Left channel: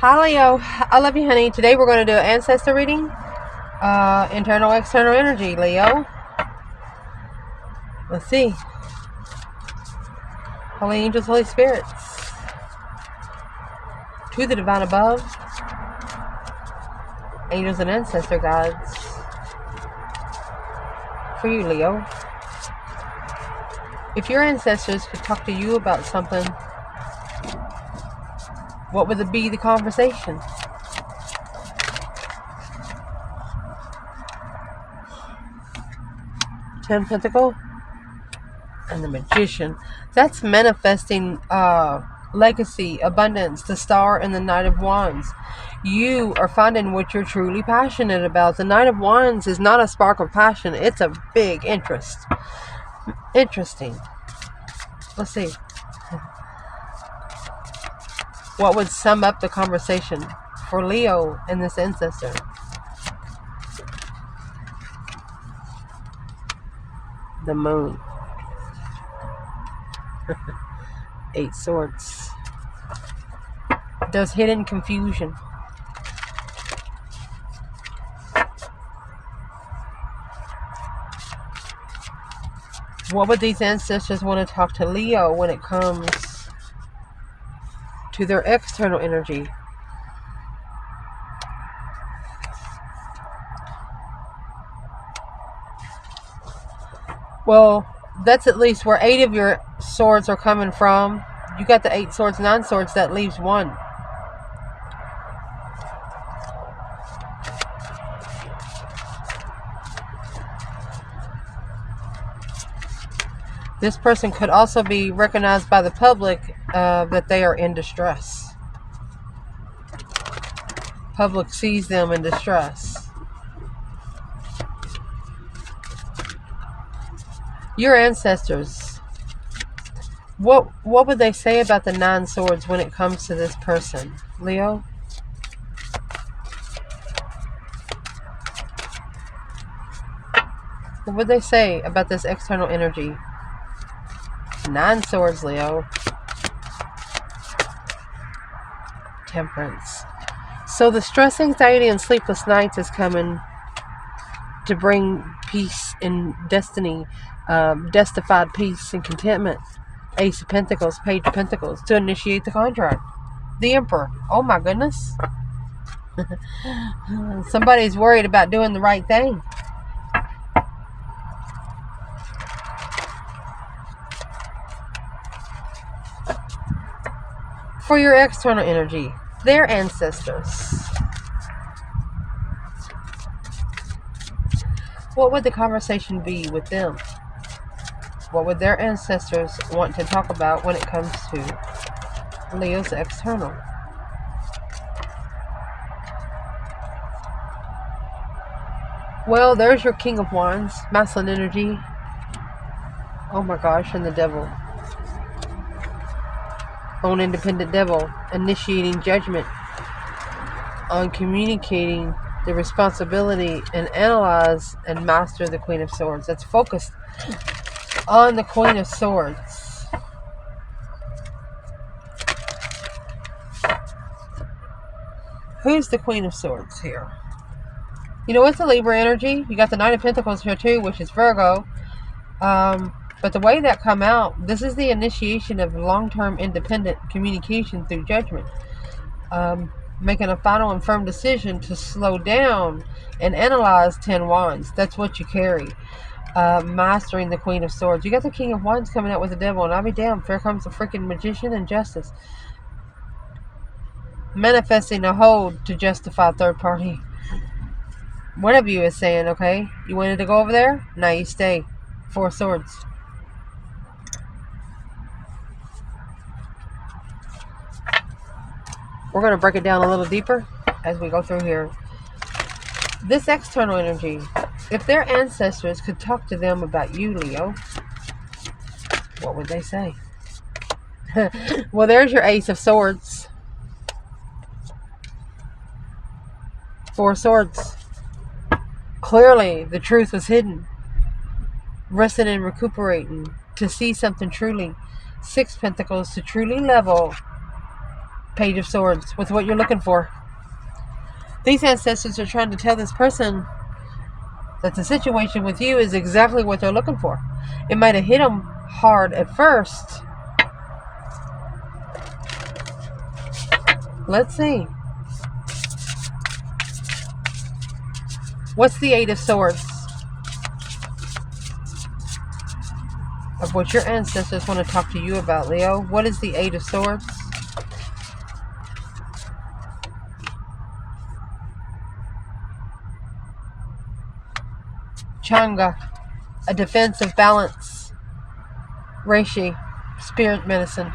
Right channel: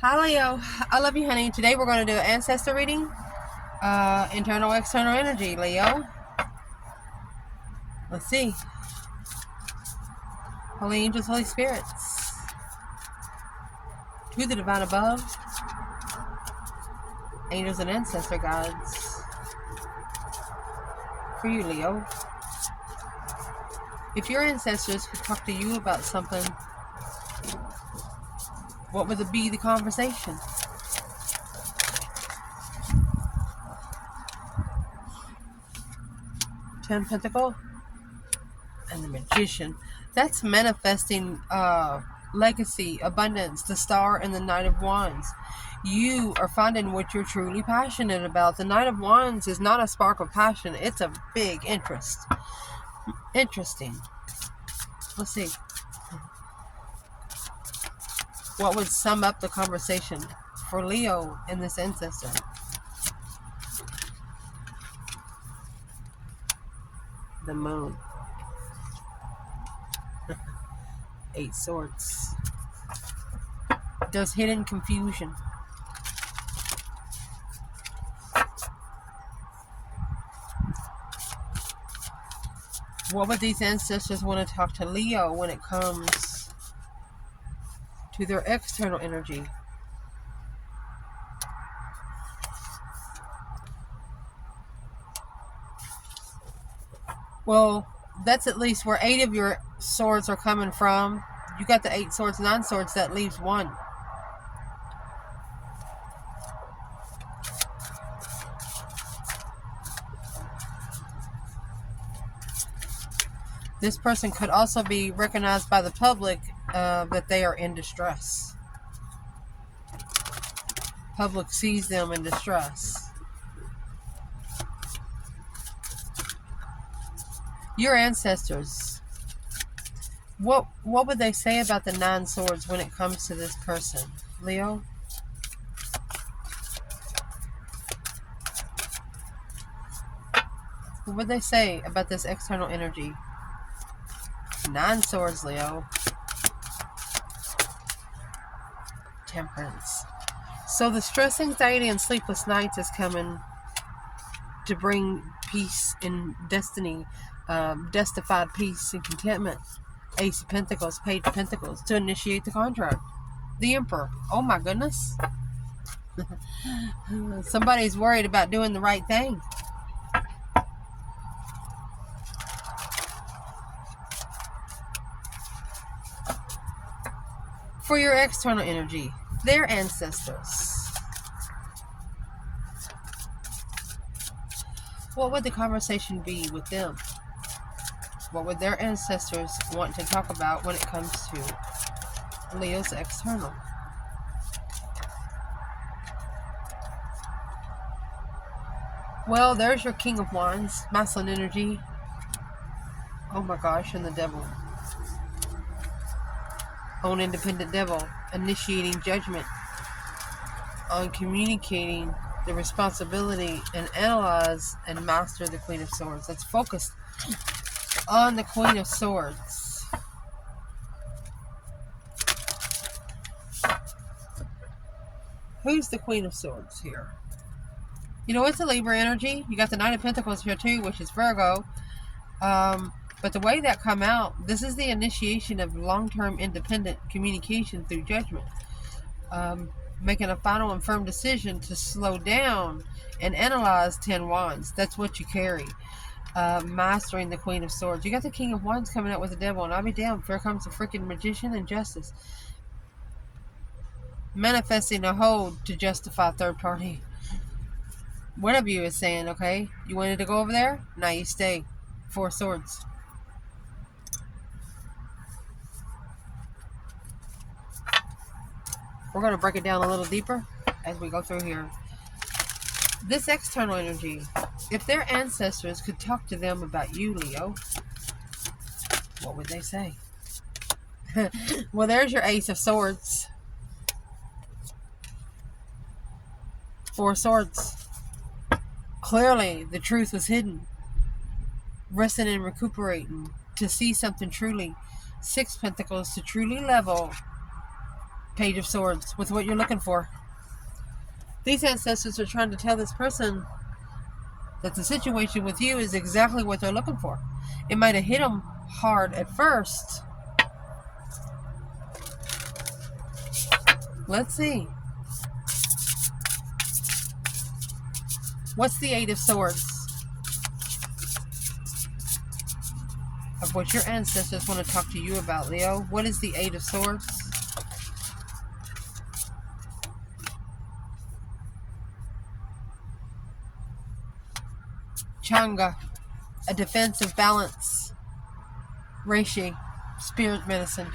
Hi Leo, I love you honey. Today we're going to do an ancestor reading. Internal, external energy, Leo. Let's see. Holy angels, Holy spirits. To the divine above. Angels and ancestor gods. For you, Leo. If your ancestors could talk to you about something, what would it be the conversation? Ten Pentacle and the Magician. That's manifesting legacy, abundance, the Star and the Knight of Wands. You are finding what you're truly passionate about. The Knight of Wands is not a spark of passion. It's a big interest. Interesting. Let's see. What would sum up the conversation for Leo and this ancestor? The Moon. 8 Swords. There's hidden confusion. What would these ancestors want to talk to Leo when it comes to their external energy? Well, that's at least where 8 of your swords are coming from. You got the 8 swords, 9 swords, that leaves 1. This person could also be recognized by the public that they are in distress. Public sees them in distress. Your ancestors, what would they say about the 9 swords when it comes to this person, Leo? What would they say about this external energy? 9 swords, Leo. Temperance. So the stress, anxiety, and sleepless nights is coming to bring peace and destiny, justified peace and contentment. Ace of Pentacles, Page of Pentacles, to initiate the contract. The Emperor. Oh my goodness. Somebody's worried about doing the right thing. For your external energy, their ancestors. What would the conversation be with them? What would their ancestors want to talk about when it comes to Leo's external? Well, there's your King of Wands, masculine energy. Oh my gosh, and the Devil. Own independent devil, initiating judgment on communicating the responsibility and analyze and master the Queen of Swords. That's focused on the Queen of Swords. Who's the Queen of Swords here? You know, it's a Libra energy. You got the Knight of Pentacles here too, which is Virgo. But the way that come out, this is the initiation of long-term independent communication through judgment. Making a final and firm decision to slow down and analyze 10 Wands. That's what you carry. Mastering the Queen of Swords. You got the King of Wands coming out with the Devil, and I'll be damned, here comes the freaking Magician and Justice. Manifesting a hold to justify third party. One of you is saying, okay, you wanted to go over there? Now you stay. 4 Swords. We're going to break it down a little deeper as we go through here. This external energy, if their ancestors could talk to them about you, Leo, what would they say? Well, there's your Ace of Swords. 4 Swords. Clearly, the truth was hidden. Resting and recuperating to see something truly. 6 Pentacles, to truly level Page of Swords with what you're looking for. These ancestors are trying to tell this person that the situation with you is exactly what they're looking for. It might have hit them hard at first. Let's see. What's the Eight of Swords? Of what your ancestors want to talk to you about, Leo. What is the Eight of Swords? Changa, a defensive balance. Reishi, spirit medicine.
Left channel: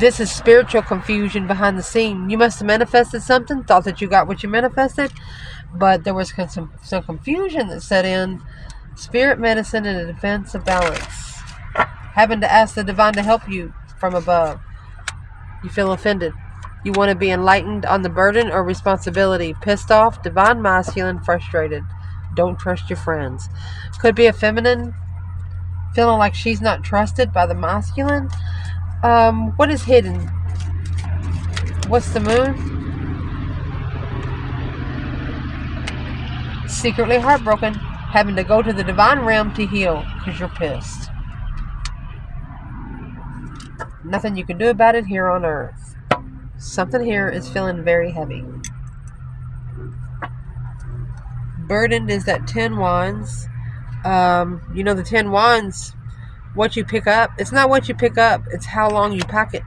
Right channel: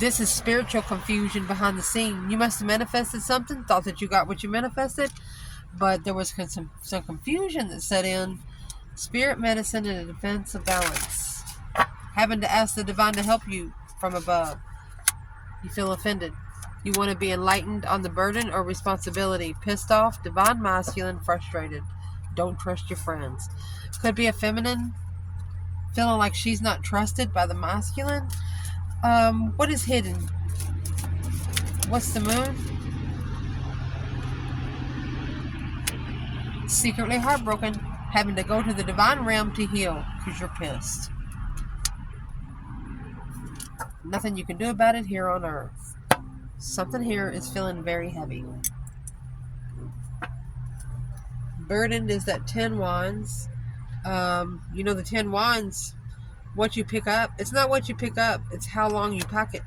This is spiritual confusion behind the scene. You must have manifested something, thought that you got what you manifested, but there was some confusion that set in. Spirit medicine and a defensive balance. Having to ask the divine to help you from above. You feel offended. You want to be enlightened on the burden or responsibility. Pissed off, divine masculine, frustrated. Don't trust your friends. Could be a feminine, feeling like she's not trusted by the masculine. What is hidden? What's the moon? Secretly heartbroken. Having to go to the divine realm to heal because you're pissed. Nothing you can do about it here on earth. Something here is feeling very heavy. Burdened is that 10 wands. You know the 10 wands, what you pick up. It's not what you pick up, it's how long you pack it.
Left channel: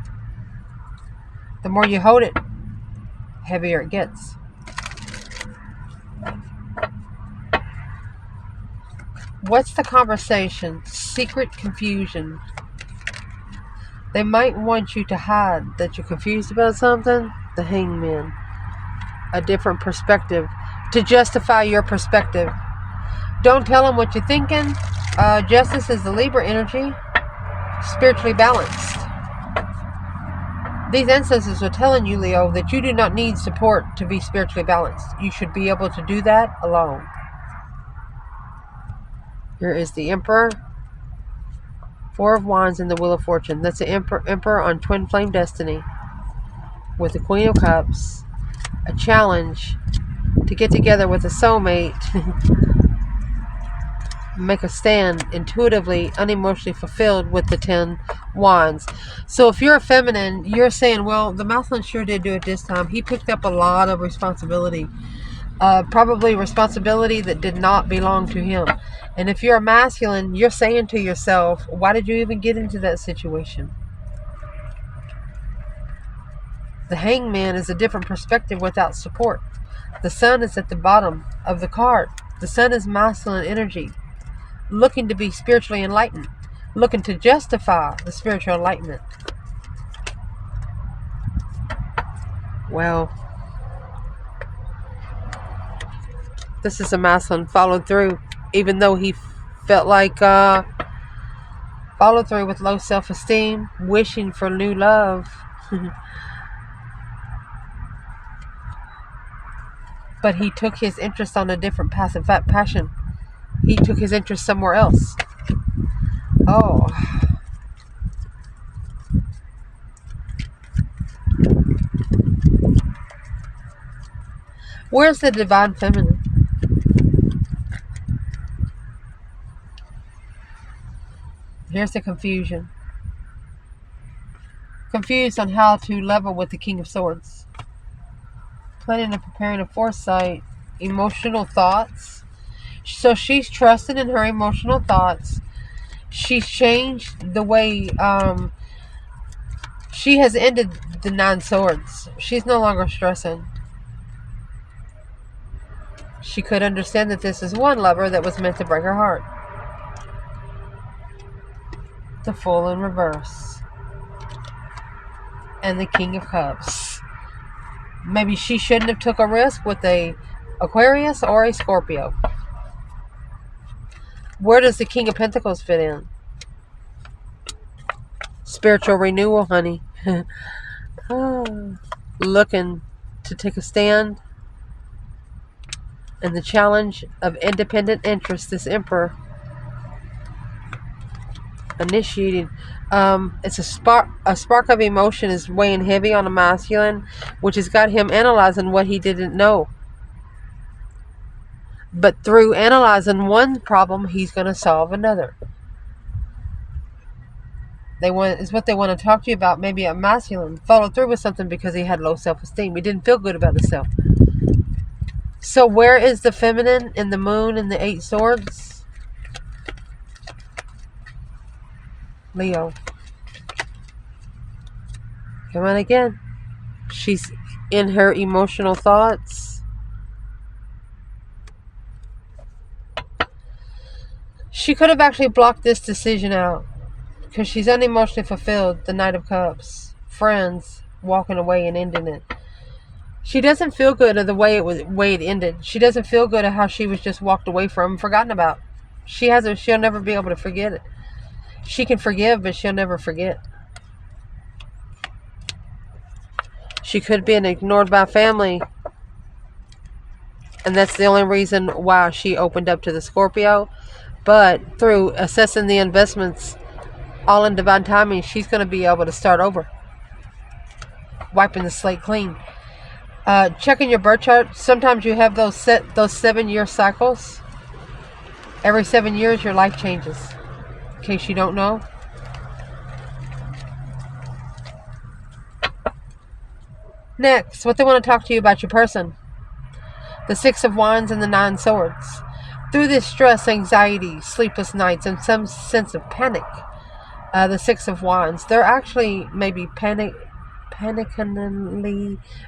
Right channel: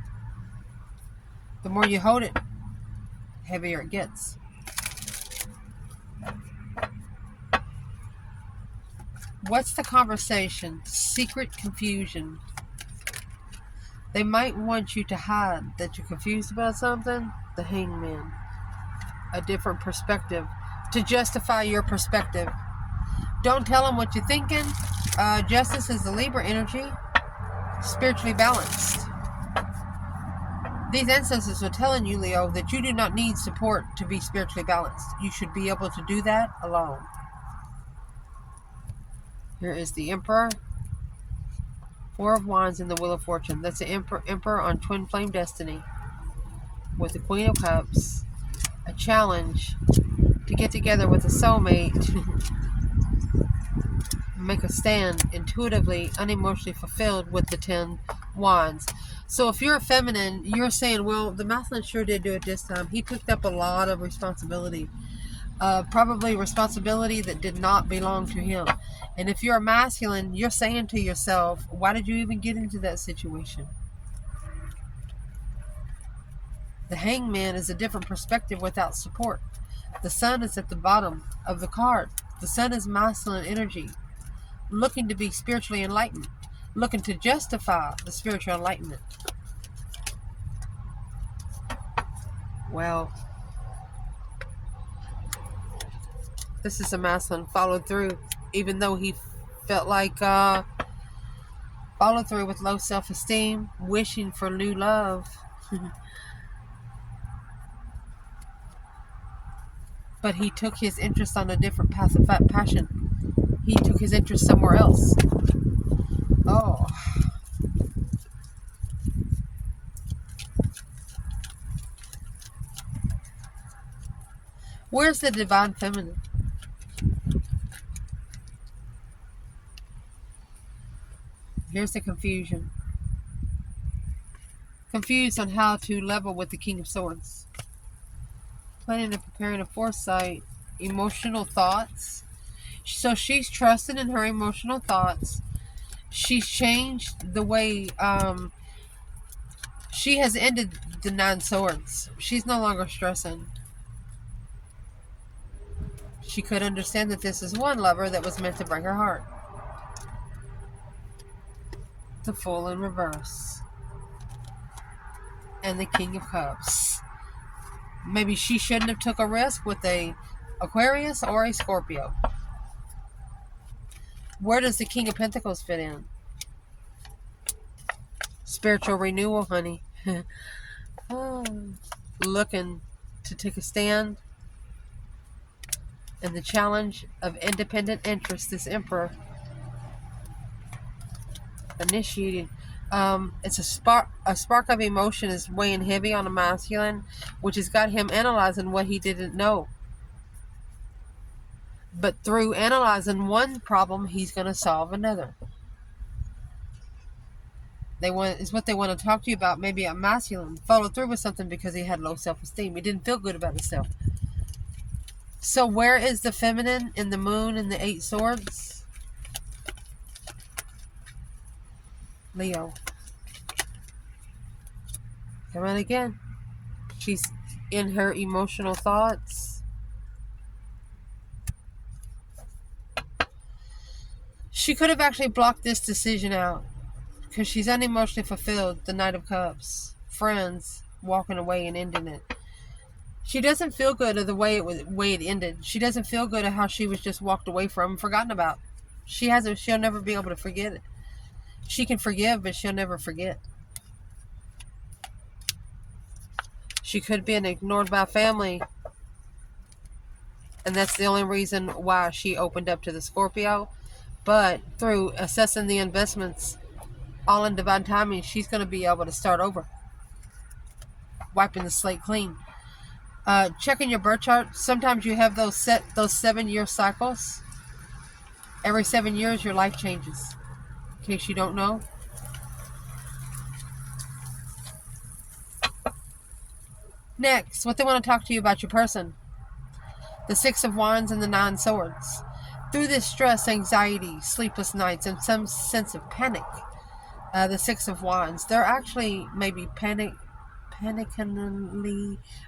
The more you hold it, heavier it gets. What's the conversation? Secret confusion. They might want you to hide that you're confused about something. The Hangman. A different perspective. To justify your perspective. Don't tell them what you're thinking. Justice is the Libra energy. Spiritually balanced. These ancestors are telling you, Leo, that you do not need support to be spiritually balanced. You should be able to do that alone. Here is the Emperor. Four of Wands and the Wheel of Fortune. That's the Emperor on Twin Flame Destiny. With the Queen of Cups. A challenge to get together with a soulmate. Make a stand intuitively, unemotionally fulfilled with the 10 wands. So if you're a feminine, you're saying, well, the masculine sure did do it this time. He picked up a lot of responsibility. Probably responsibility that did not belong to him. And if you're a masculine, you're saying to yourself, why did you even get into that situation? The Hangman is a different perspective without support. The Sun is at the bottom of the card. The Sun is masculine energy, looking to be spiritually enlightened, looking to justify the spiritual enlightenment. Well, this is a masculine followed through, even though he felt like followed through with low self-esteem, wishing for new love. But he took his interest on a different path of passion. He took his interest somewhere else. Oh. Where's the divine feminine? Here's the confusion. Confused on how to level with the King of Swords. Planning and preparing a foresight. Emotional thoughts. So she's trusted in her emotional thoughts. She's changed the way she has ended the 9 swords. She's no longer stressing. She could understand that this is one lover that was meant to break her heart. The Fool in reverse. And the King of Cups. Maybe she shouldn't have took a risk with a Aquarius or a Scorpio. Where does the King of Pentacles fit in? Spiritual renewal, honey. Looking to take a stand. And the challenge of independent interest, this Emperor initiating It's a spark of emotion is weighing heavy on a masculine, which has got him analyzing what he didn't know. But through analyzing one problem, he's going to solve another. Is what they want to talk to you about. Maybe a masculine followed through with something because he had low self-esteem. He didn't feel good about himself. So where is the feminine in the moon and the 8 swords? Leo. Come on again. She's in her emotional thoughts. She could have actually blocked this decision out because she's unemotionally fulfilled. The Knight of Cups. Friends walking away and ending it. She doesn't feel good of the way it ended. She doesn't feel good at how she was just walked away from, forgotten about. She'll never be able to forget it. She can forgive, but she'll never forget. She could be ignored by family. And that's the only reason why she opened up to the Scorpio. But through assessing the investments, all in divine timing, she's going to be able to start over. Wiping the slate clean. Checking your birth chart. Sometimes you have those 7-year cycles. Every 7 years, your life changes. In case you don't know. Next, what they want to talk to you about your person. The 6 of Wands and the 9 Swords. Through this stress, anxiety, sleepless nights, and some sense of panic, the 6 of Wands, they're actually maybe panically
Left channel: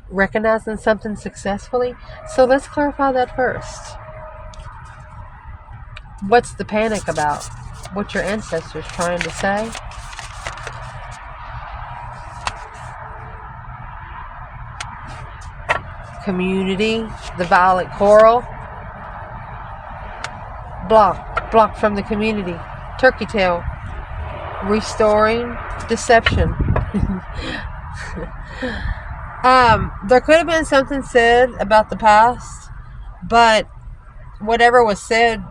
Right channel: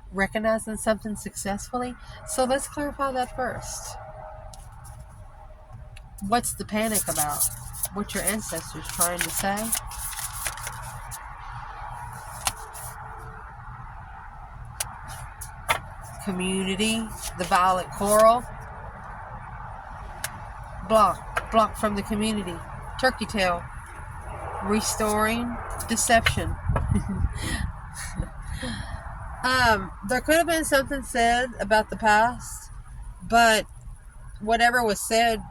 recognizing something successfully. So let's clarify that first. What's the panic about? What your ancestors trying to say? Community, the violet coral. Block from the community. Turkey tail. Restoring deception. There could have been something said about the past, but whatever was said,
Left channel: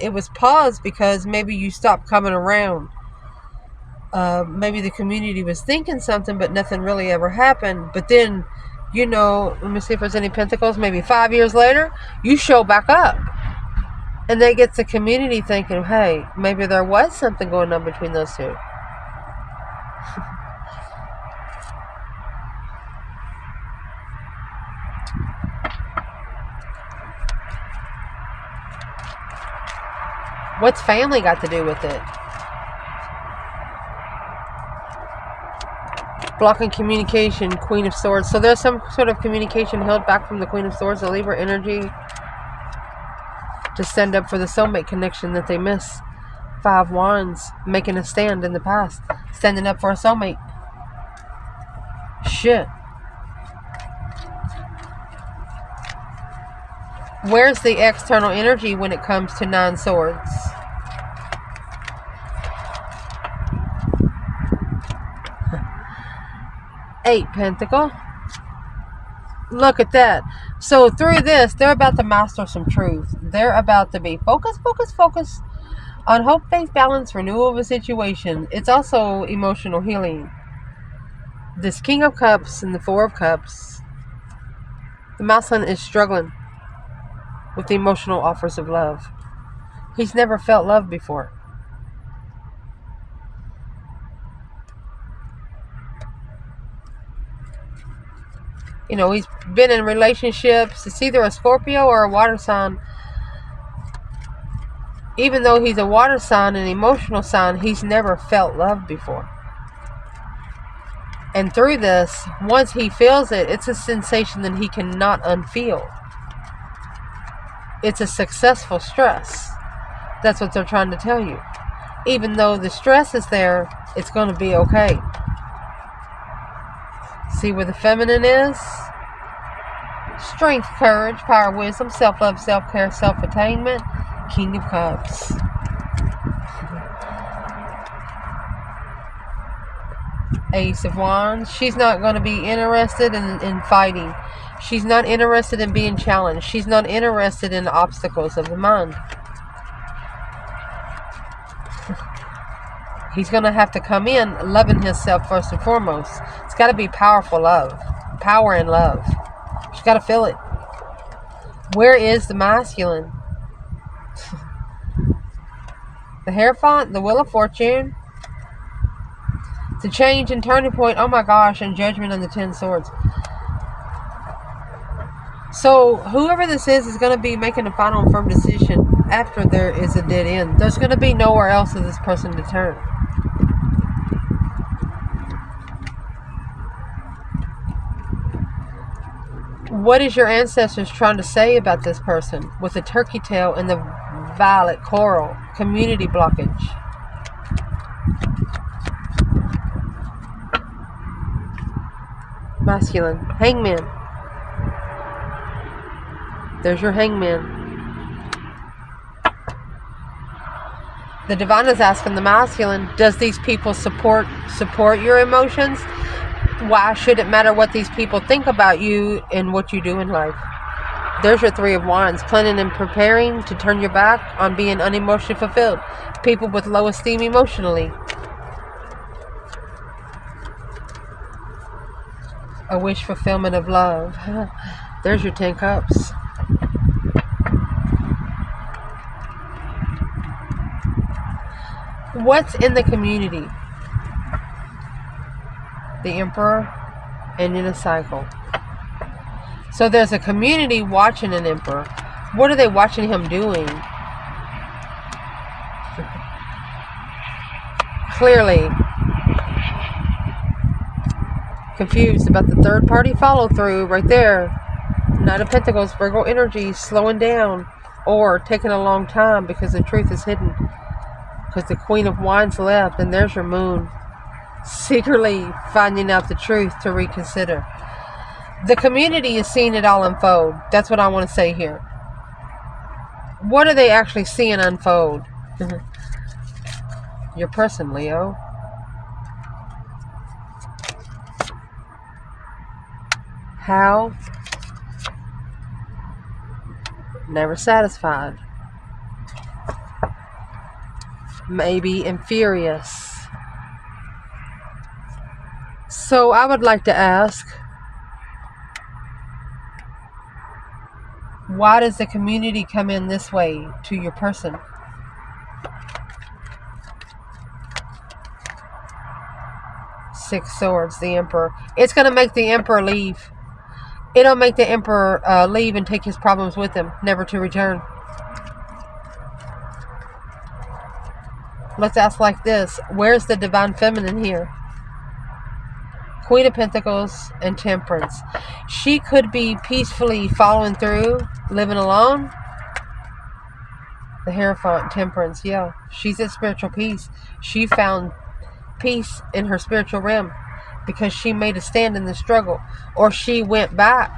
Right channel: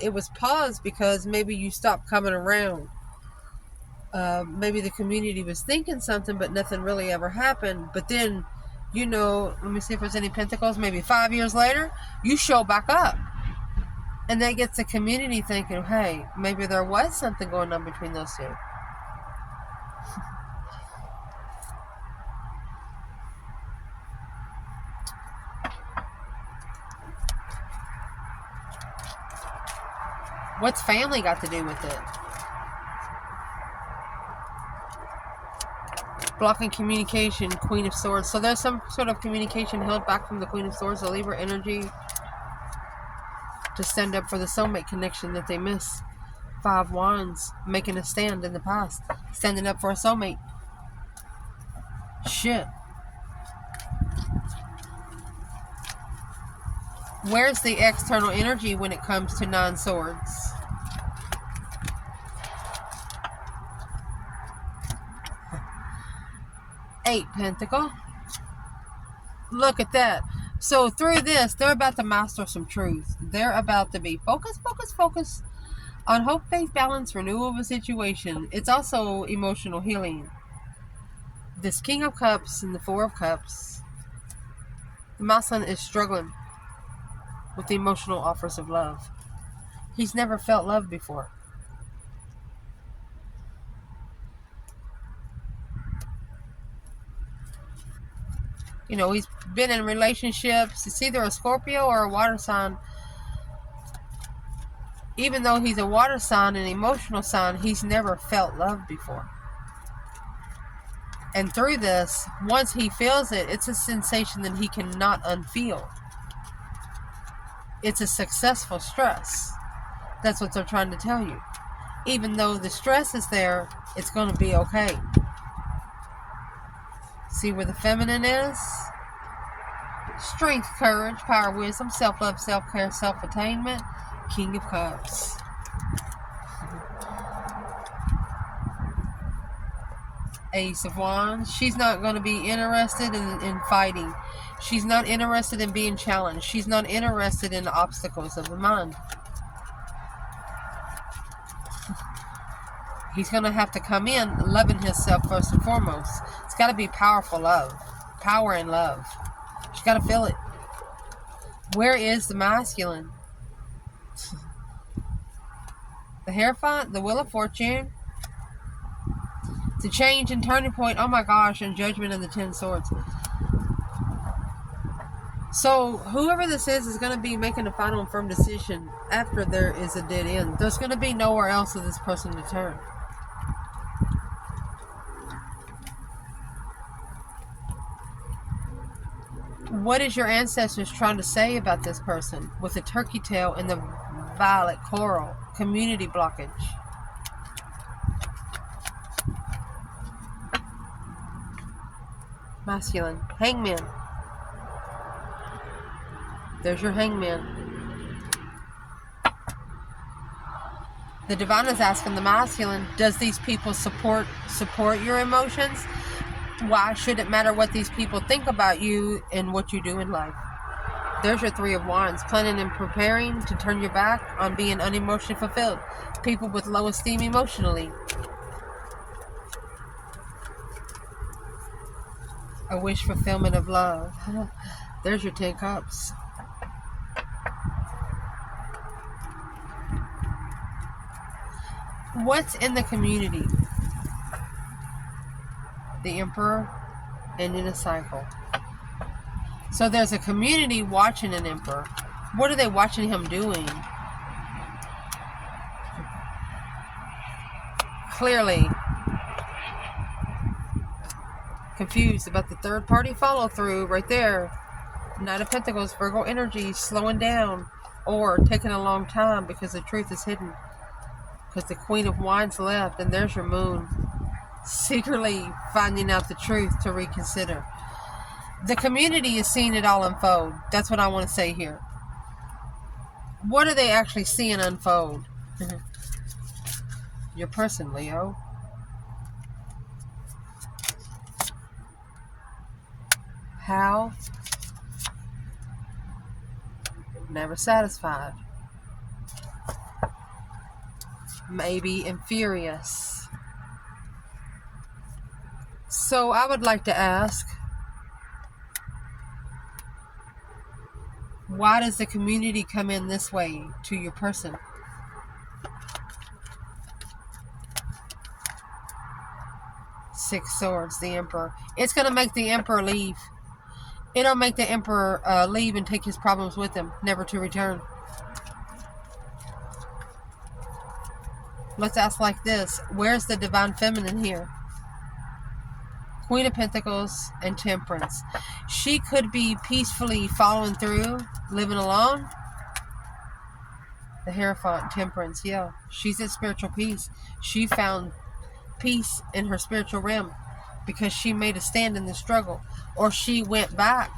it was paused because maybe you stopped coming around. Maybe the community was thinking something, but nothing really ever happened. But then, let me see if there's any pentacles. Maybe 5 years later, you show back up. And that gets the community thinking, hey, maybe there was something going on between those two. What's family got to do with it? Blocking communication, Queen of Swords. So there's some sort of communication held back from the Queen of Swords, the Libra energy, to stand up for the soulmate connection that they miss. 5 Wands, making a stand in the past. Standing up for a soulmate. Shit. Where's the external energy when it comes to 9 Swords? Eight Pentacle. Look at that. So through this, they're about to master some truth. They're about to be focused on hope, faith, balance, renewal of a situation. It's also emotional healing. This King of Cups and the 4 of Cups. The masculine is struggling with the emotional offers of love. He's never felt love before. He's been in relationships. It's either a Scorpio or a water sign. Even though he's a water sign, an emotional sign, he's never felt love before. And through this, once he feels it, it's a sensation that he cannot unfeel. It's a successful stress. That's what they're trying to tell you. Even though the stress is there, it's going to be okay. See where the feminine is? Strength, courage, power, wisdom, self-love, self-care, self-attainment. King of Cups. Ace of Wands. She's not going to be interested in fighting. She's not interested in being challenged. She's not interested in obstacles of the mind. He's going to have to come in loving himself first and foremost. It's got to be powerful love. Power and love. She's got to feel it. Where is the masculine? The Hierophant, the Wheel of Fortune, the change and turning point, oh my gosh, and Judgment and the 10 Swords. So whoever this is going to be making a final and firm decision after there is a dead end. There's going to be nowhere else for this person to turn. What is your ancestors trying to say about this person with the turkey tail and the violet coral? Community blockage. Masculine. Hangman. There's your hangman. The divine is asking the masculine, does these people support your emotions? Why should it matter what these people think about you and what you do in life? There's your Three of Wands, planning and preparing to turn your back on being unemotionally fulfilled. People with low esteem emotionally. A wish fulfillment of love. There's your 10 Cups. What's in the community? The Emperor and in a cycle. So there's a community watching an Emperor. What are they watching him doing? Clearly confused about the third party follow through right there. Knight of Pentacles, Virgo energy, slowing down or taking a long time because the truth is hidden. Because the Queen of Wands left, and there's your Moon. Secretly finding out the truth to reconsider. The community is seeing it all unfold. That's what I want to say here. What are they actually seeing unfold? Your person, Leo. How? Never satisfied. Maybe and furious. So I would like to ask, why does the community come in this way to your person? Six Swords, the Emperor. It's going to make the Emperor leave. It'll make the Emperor leave and take his problems with him, never to return. Let's ask like this. Where's the Divine Feminine here? Queen of Pentacles and Temperance. She could be peacefully following through, living alone. The Hierophant, Temperance, yeah. She's at spiritual peace. She found peace in her spiritual realm because she made a stand in the struggle. Or she went back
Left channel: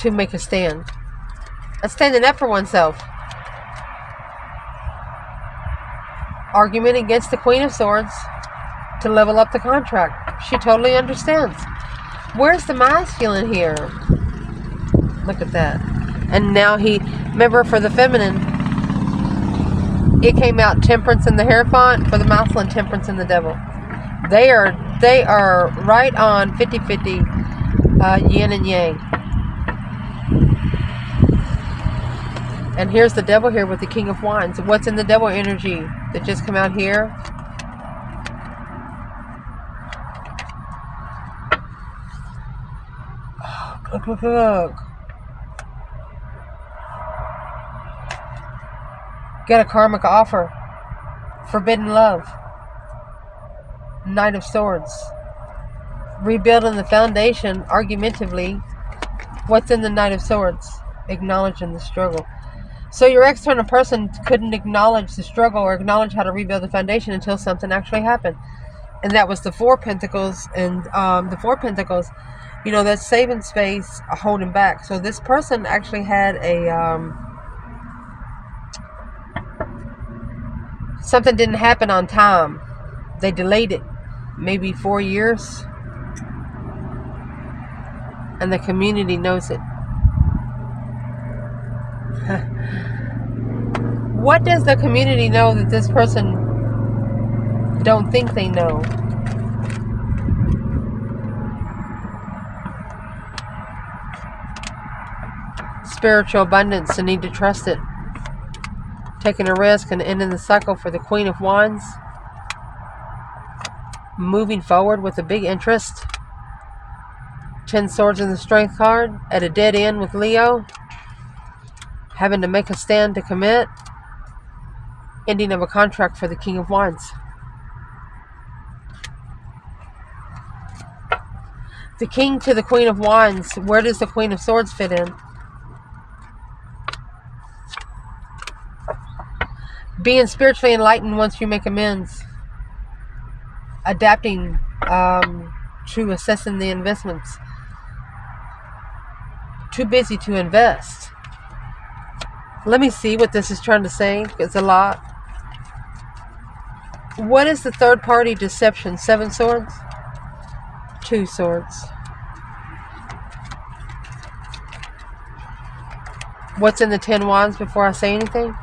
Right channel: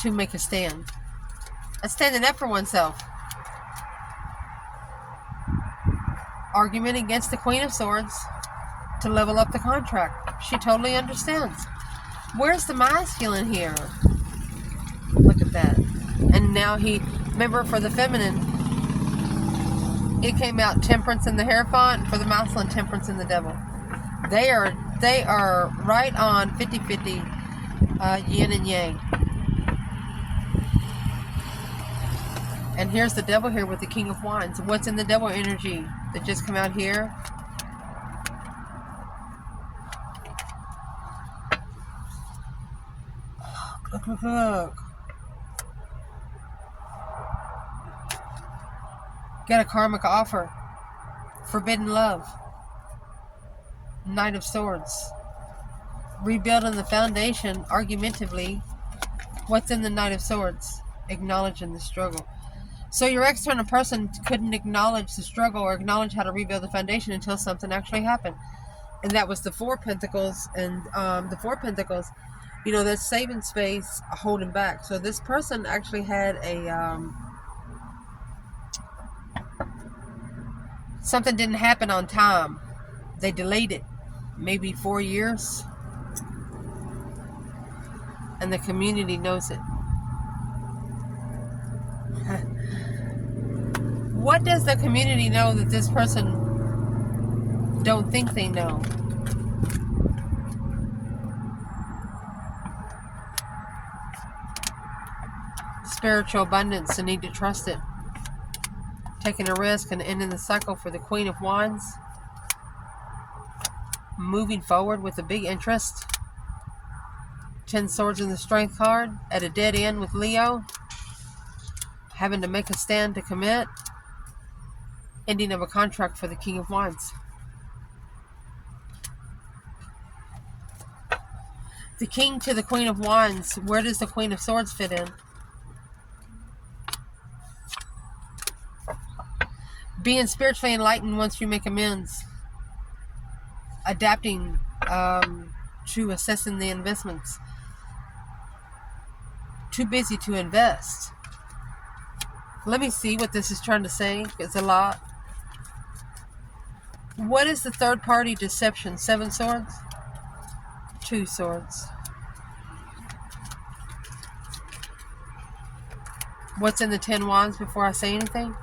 to make a stand. That's standing up for oneself. Argument against the Queen of Swords to level up the contract. She totally understands. Where's the masculine here? Look at that. And now he, remember for the feminine, it came out Temperance and the Hierophant. For the masculine, Temperance and the Devil. They are right on 50-50 yin and yang. And here's the Devil here with the King of Wands. What's in the Devil energy that just come out here? Look, look, look. Get a karmic offer. Forbidden love. Knight of Swords. Rebuilding the foundation argumentatively. What's in the Knight of Swords? Acknowledging the struggle. So your external person couldn't acknowledge the struggle or acknowledge how to rebuild the foundation until something actually happened. And that was the Four of Pentacles. And the Four of Pentacles, you know, that's saving space, holding back. So this person actually had a... something didn't happen on time. They delayed it. Maybe 4 years. And the community knows it. What does the community know that this person don't think they know. Spiritual abundance, the need to trust it. Taking a risk and ending the cycle for the Queen of Wands. Moving forward with a big interest. 10 Swords in the Strength card. At a dead end with Leo. Having to make a stand to commit. Ending of a contract for the King of Wands. The King to the Queen of Wands. Where does the Queen of Swords fit in? Being spiritually enlightened once you make amends. Adapting to assessing the investments. Too busy to invest. Let me see what this is trying to say. It's a lot. What is the third party deception? 7 Swords? 2 Swords. What's in the 10 Wands before I say anything?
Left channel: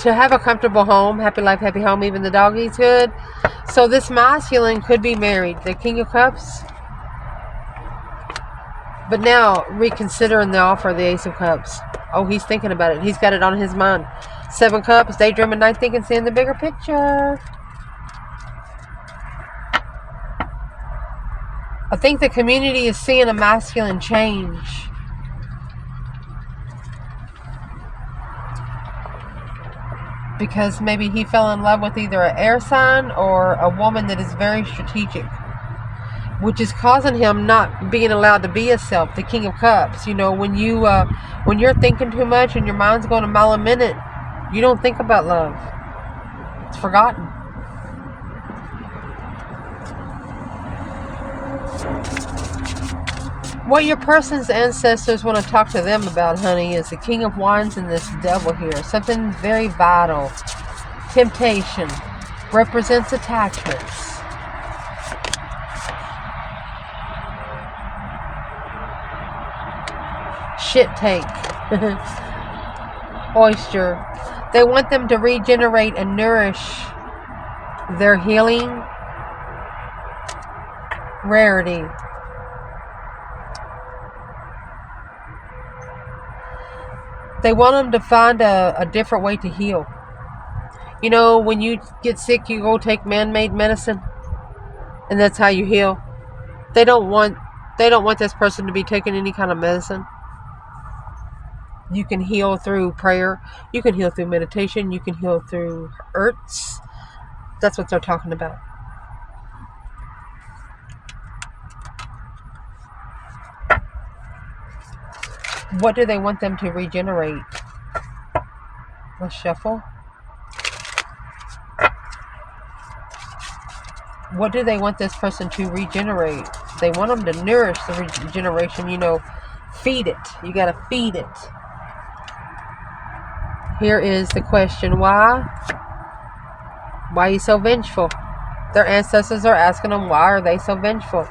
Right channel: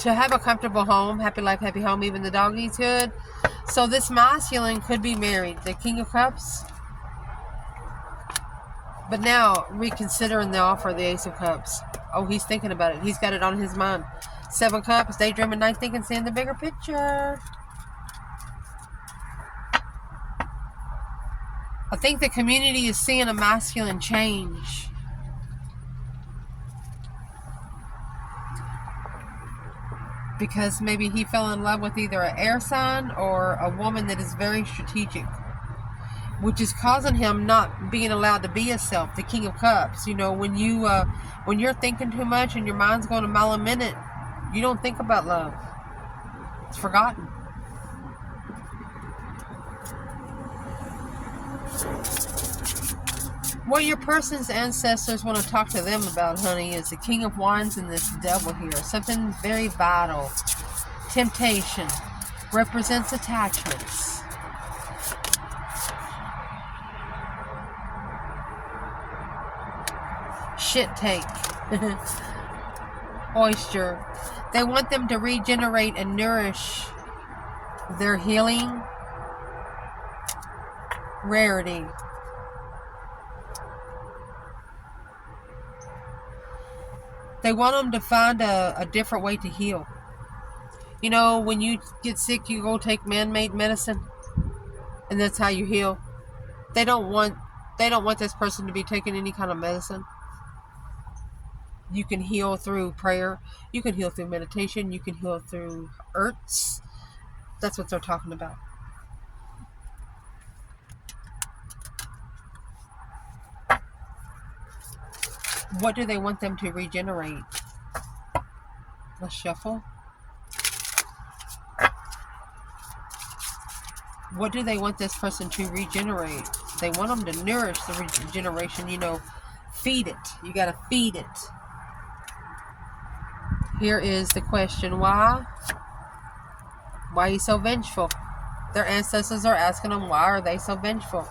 To have a comfortable home, happy life, happy home, even the dog eats good. So this masculine could be married, the King of Cups. But now, reconsidering the offer of the Ace of Cups. Oh, he's thinking about it. He's got it on his mind. 7 Cups, daydreaming, night thinking, seeing the bigger picture. I think the community is seeing a masculine change. Because maybe he fell in love with either an air sign or a woman that is very strategic, which is causing him not being allowed to be himself. The King of Cups. You know, when you're thinking too much and your mind's going a mile a minute, you don't think about love. It's forgotten. What your person's ancestors want to talk to them about, honey, is the King of Wands and this Devil here. Something very vital. Temptation. Represents attachments. Shit take. Oyster. They want them to regenerate and nourish their healing. Rarity. They want them to find a different way to heal. You know, when you get sick, you go take man-made medicine, and that's how you heal. They don't want this person to be taking any kind of medicine. You can heal through prayer. You can heal through meditation. You can heal through herbs. That's what they're talking about. What do they want them to regenerate? Let's shuffle. What do they want this person to regenerate? They want them to nourish the regeneration, you know, feed it. You got to feed it. Here is the question. Why? Why are you so vengeful? Their ancestors are asking them, why are they so vengeful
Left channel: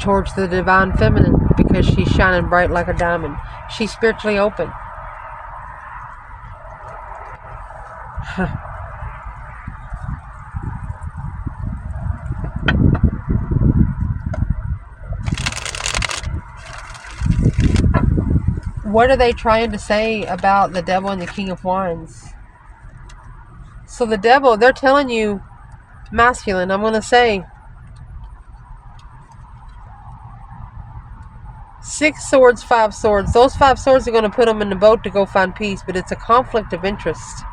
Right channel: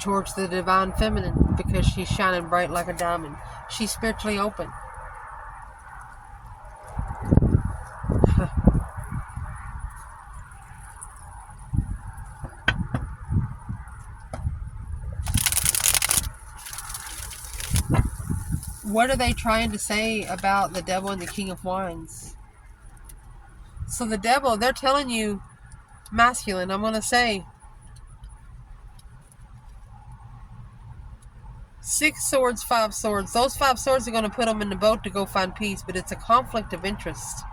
towards the divine feminine? Because she's shining bright like a diamond. She's spiritually open. What are they trying to say about the Devil and the King of Wands? So the Devil, they're telling you, masculine, I'm going to say, 6 Swords, 5 Swords. Those 5 Swords are going to put them in the boat to go find peace, but it's a conflict of interest.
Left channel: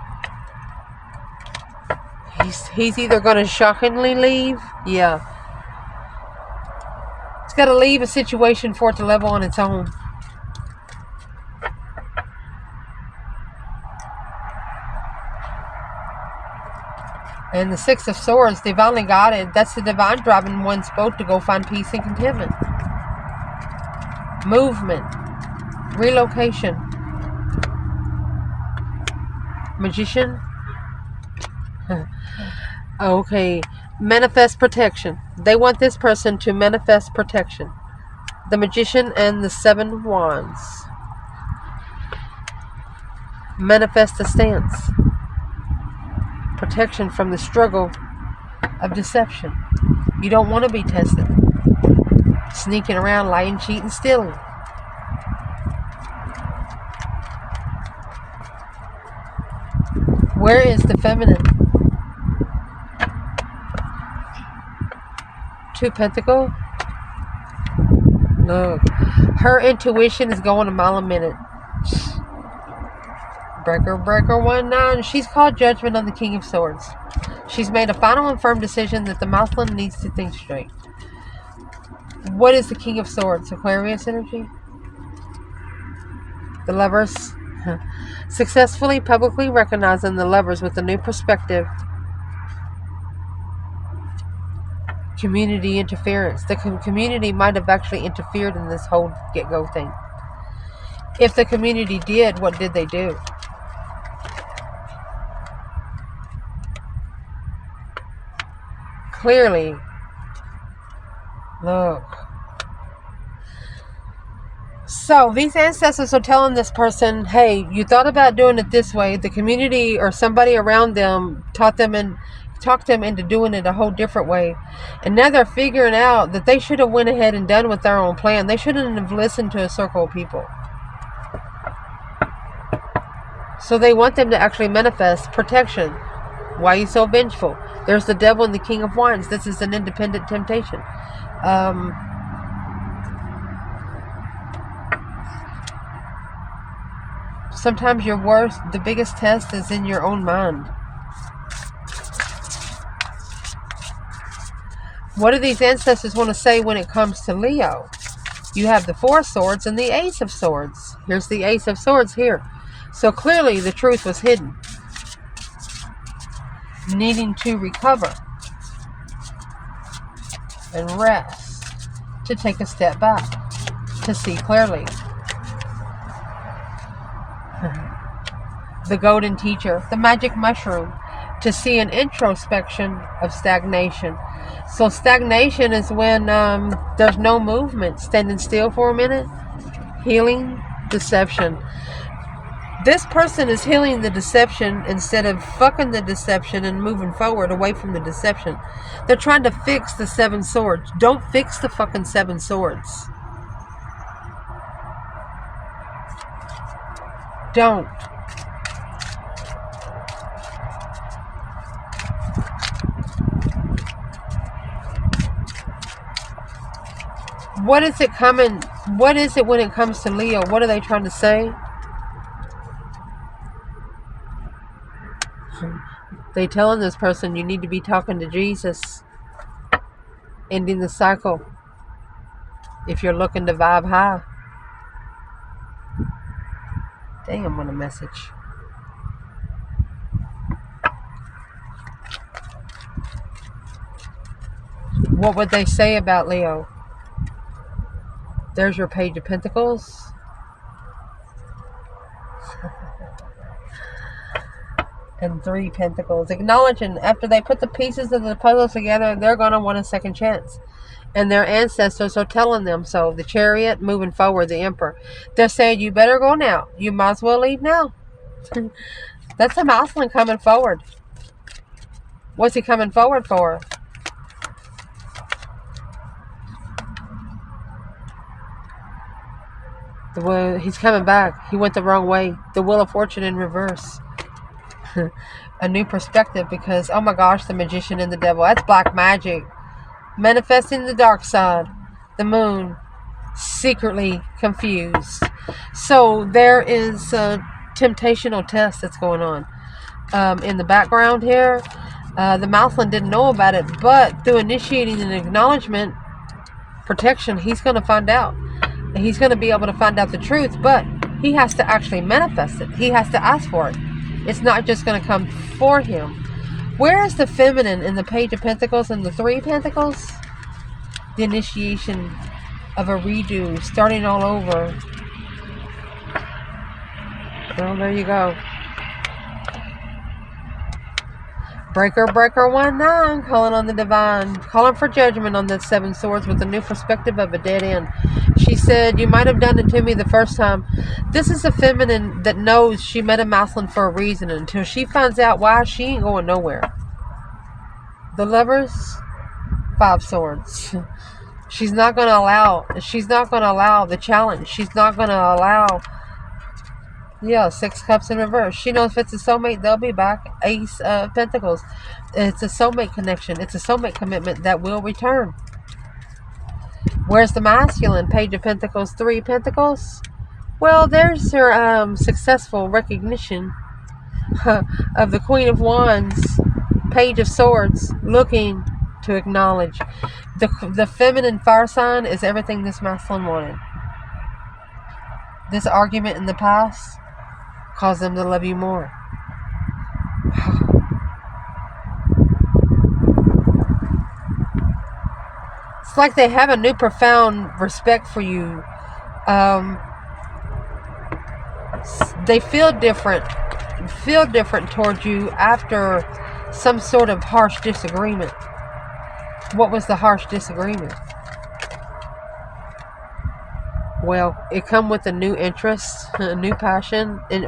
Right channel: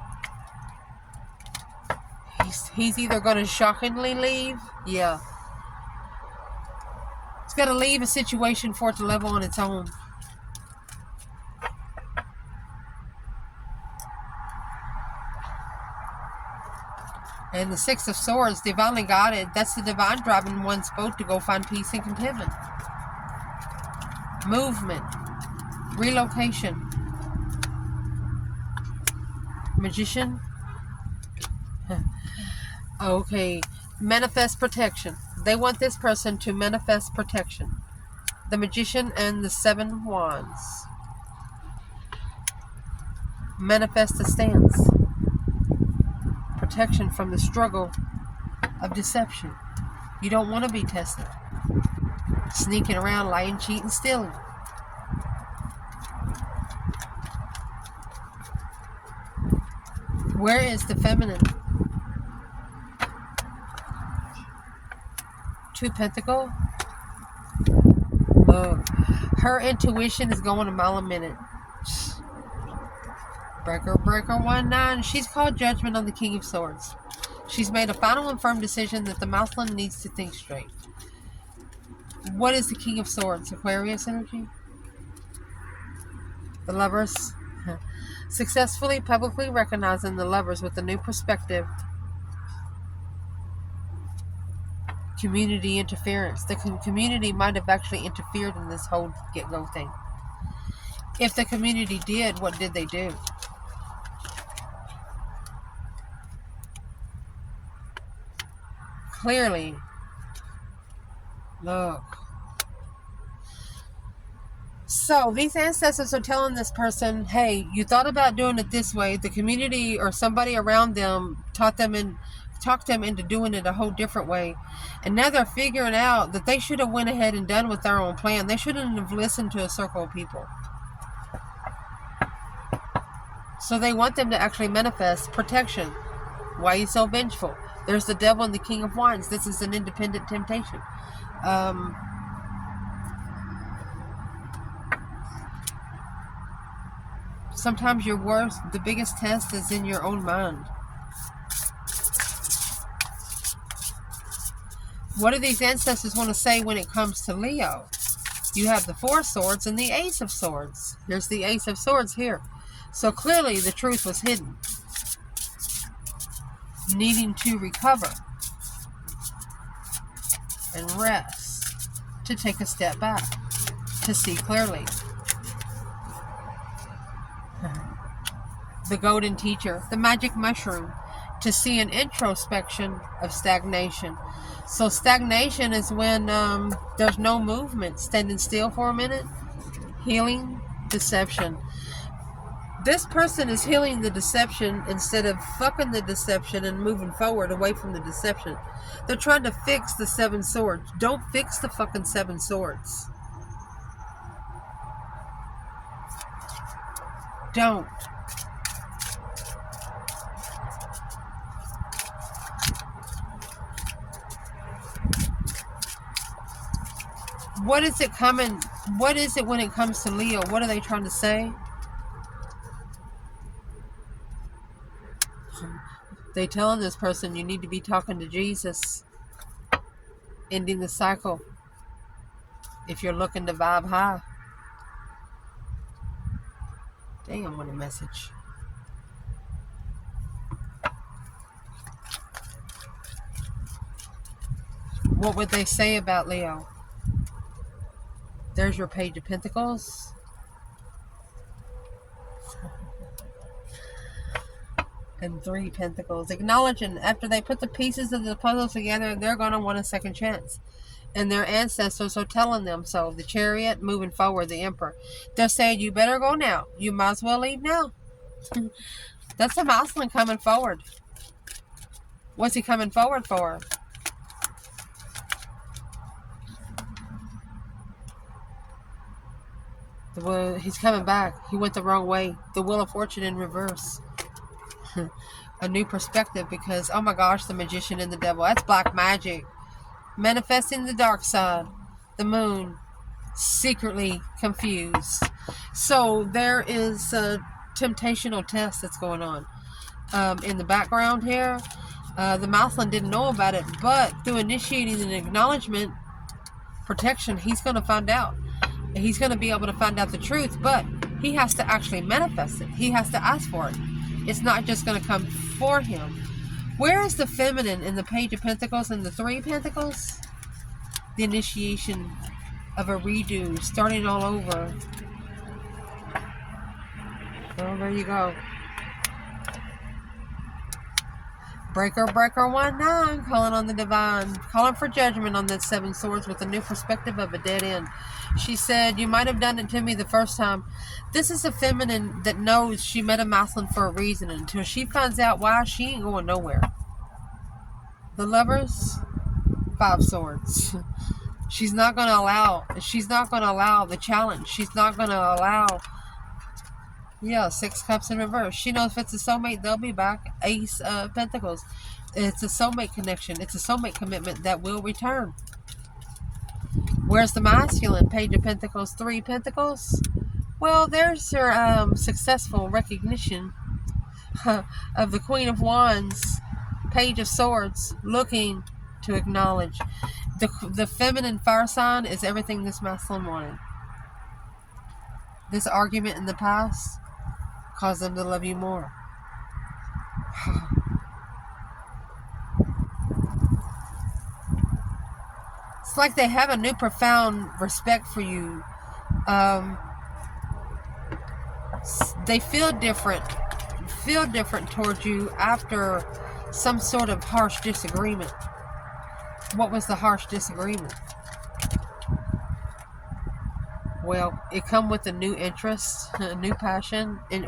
He's either going to shockingly leave. Yeah. He's got to leave a situation for it to level on its own. And the 6 of Swords, divinely guided. That's the divine driving one's boat to go find peace and contentment. Movement. Relocation. Magician. Okay. Manifest protection. They want this person to manifest protection. The Magician and the 7 Wands. Manifest a stance. protection from the struggle of deception. You don't want to be tested. Sneaking around, lying, cheating, stealing. Where is the feminine? 2 Pentacles. Look, her intuition is going a mile a minute. Breaker 1-9. She's called judgment on the King of Swords. She's made a final and firm decision that the masculine needs to think straight. What is the King of Swords? Aquarius energy? The Lovers. Successfully publicly recognizing the Lovers with a new perspective. Community interference. The community might have actually interfered in this whole get-go thing. If the community did, what did they do? Clearly, look. So these ancestors are telling this person, hey, you thought about doing it this way. The community or somebody around them talked them into doing it a whole different way. And now they're figuring out that they should have went ahead and done with their own plan. They shouldn't have listened to a circle of people. So they want them to actually manifest protection. Why are you so vengeful? There's the devil and the King of Wands. This is an independent temptation. Sometimes the biggest test is in your own mind. What do these ancestors want to say when it comes to Leo? You have the 4 Swords and the Ace of Swords. Here's the Ace of Swords here. So clearly the truth was hidden. Needing to recover and rest, to take a step back, to see clearly. The golden teacher, the magic mushroom, to see an introspection of stagnation. So stagnation is when there's no movement, standing still for a minute. Healing, deception. This person is healing the deception instead of fucking the deception and moving forward away from the deception. They're trying to fix the 7 swords. Don't fix the fucking 7 swords. Don't. What is it coming? What is it when it comes to Leo? What are they trying to say? They telling this person you need to be talking to Jesus, ending the cycle if you're looking to vibe high. Damn, what a message. What would they say about Leo? There's your Page of Pentacles. And 3 Pentacles. Acknowledging after they put the pieces of the puzzle together, they're going to want a second chance. And their ancestors are telling them so. The Chariot, moving forward, the Emperor. They're saying, you better go now. You might as well leave now. That's a masculine coming forward. What's he coming forward for? He's coming back. He went the wrong way. The Wheel of Fortune in reverse. A new perspective because, oh my gosh, the Magician and the Devil. That's black magic. Manifesting the dark side. The Moon. Secretly confused. So there is a temptational test that's going on. In the background here. The Mouthland didn't know about it, but through initiating an acknowledgement, protection, he's going to find out. He's going to be able to find out the truth, but he has to actually manifest it. He has to ask for it. It's not just going to come for him. Where is the feminine in the Page of Pentacles and the 3 Pentacles? The initiation of a redo, starting all over. Well, there you go. Breaker, breaker, 1-9, calling on the divine, calling for judgment on the 7 swords with a new perspective of a dead end. She said, you might have done it to me the first time. This is a feminine that knows she met a masculine for a reason. And until she finds out why, she ain't going nowhere. The Lovers, 5 swords. She's not going to allow the challenge. She's not going to allow, 6 cups in reverse. She knows if it's a soulmate, they'll be back. Ace of Pentacles. It's a soulmate connection. It's a soulmate commitment that will return. Where's the masculine? Page of Pentacles, 3 Pentacles. Well, there's her successful recognition of the Queen of Wands, Page of Swords, looking to acknowledge. The feminine fire sign is everything this masculine wanted. This argument in the past caused them to love you more. It's like they have a new profound respect for you. They feel different towards you after some sort of harsh disagreement. What was the harsh disagreement? Well, it come with a new interest, a new passion, and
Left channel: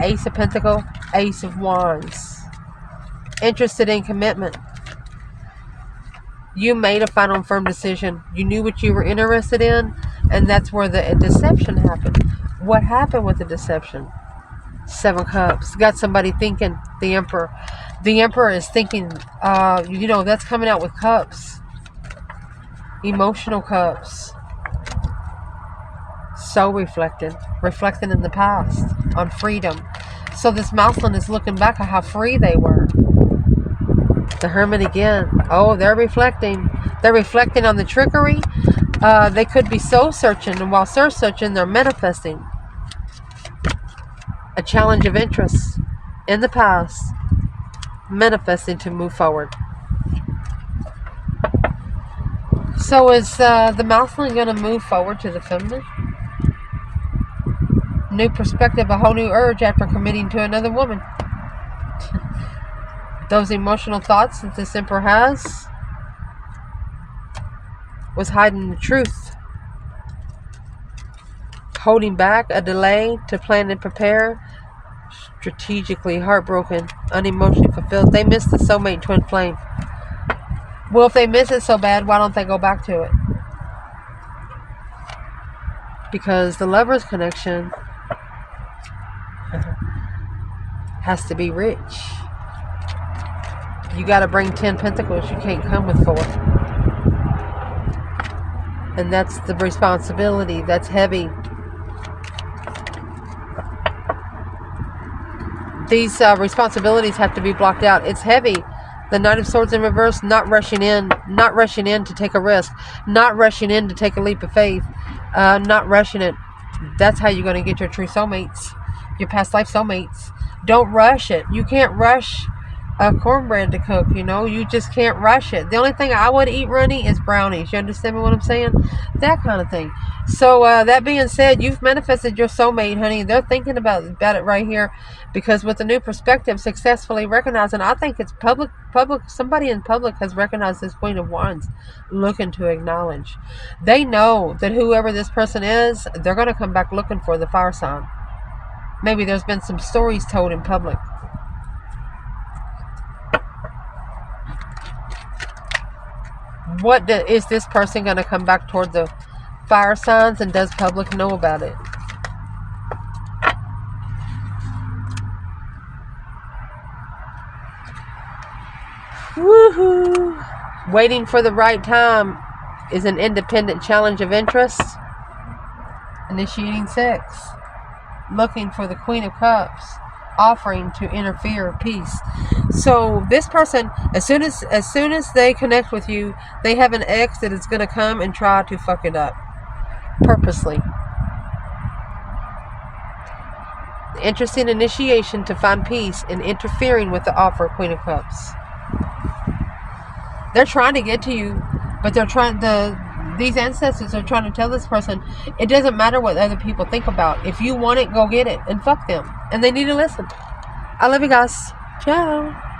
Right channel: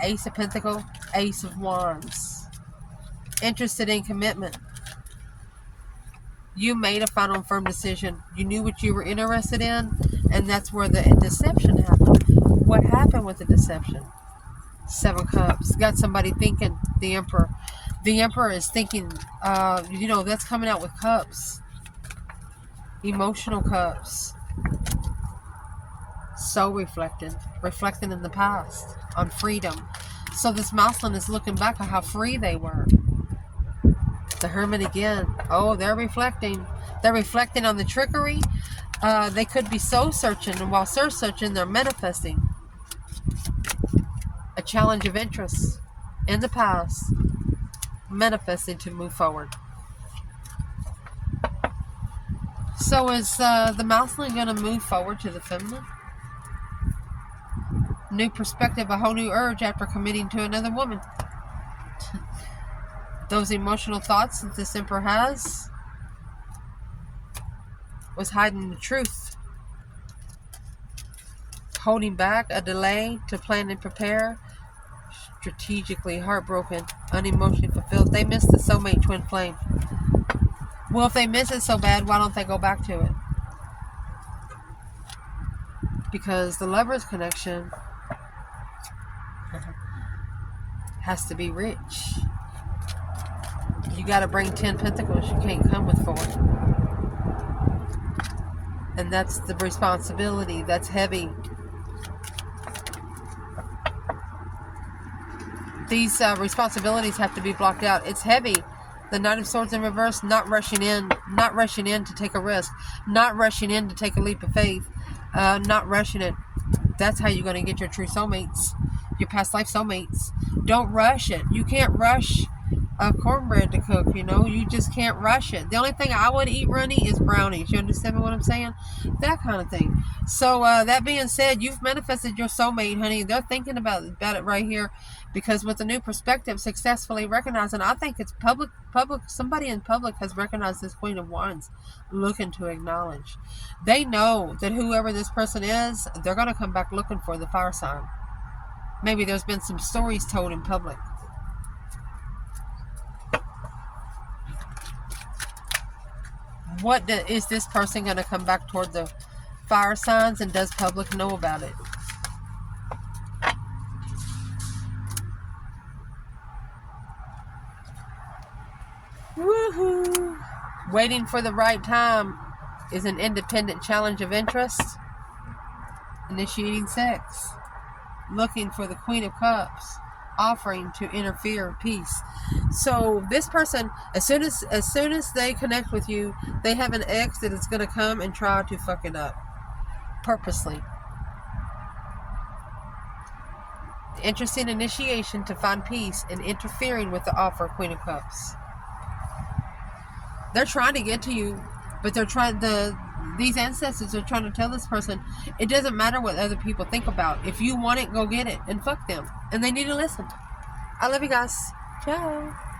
Ace of Pentacles, Ace of Wands. Interested in commitment. You made a final and firm decision. You knew what you were interested in, and that's where the deception happened. What happened with the deception? 7 cups. Got somebody thinking, the Emperor. The Emperor is thinking, that's coming out with cups. Emotional cups. So reflecting in the past on freedom. So this masculine is looking back at how free they were. The Hermit again. Oh, they're reflecting. They're reflecting on the trickery. They could be soul searching, and while soul searching, they're manifesting a challenge of interest in the past, manifesting to move forward. So is the masculine going to move forward to the feminine? New perspective, a whole new urge after committing to another woman. Those emotional thoughts that this Emperor has was hiding the truth. Holding back, a delay to plan and prepare. Strategically heartbroken, unemotionally fulfilled. They missed the soulmate twin flame. Well, if they miss it so bad, why don't they go back to it? Because the Lover's connection has to be rich. You got to bring 10 Pentacles. You can't come with 4. And that's the responsibility. That's heavy. These responsibilities have to be blocked out. It's heavy. The Knight of Swords in reverse, not rushing in to take a risk, not rushing in to take a leap of faith, not rushing it. That's how you're going to get your true soulmates, your past life soulmates. Don't rush it. You can't rush cornbread to cook, you just can't rush it. The only thing I would eat, Ronnie, is brownies. You understand what I'm saying? That kind of thing. So that being said, you've manifested your soulmate, honey. They're thinking about it right here, because with the new perspective, successfully recognizing, I think it's public, somebody in public has recognized this Queen of Wands, looking to acknowledge. They know that whoever this person is, they're going to come back looking for the fire sign. Maybe there's been some stories told in public. Is this person going to come back toward the fire signs, and does public know about it? Woohoo! Waiting for the right time is an independent challenge of interest. Initiating sex. Looking for the Queen of Cups. Offering to interfere, peace. So this person, as soon as they connect with you, they have an ex that is going to come and try to fuck it up purposely. Interesting initiation to find peace and interfering with the offer, Queen of Cups. They're trying to get to you, but these ancestors are trying to tell this person, it doesn't matter what other people think about. If you want it, go get it and fuck them. And they need to listen. I love you guys. Ciao.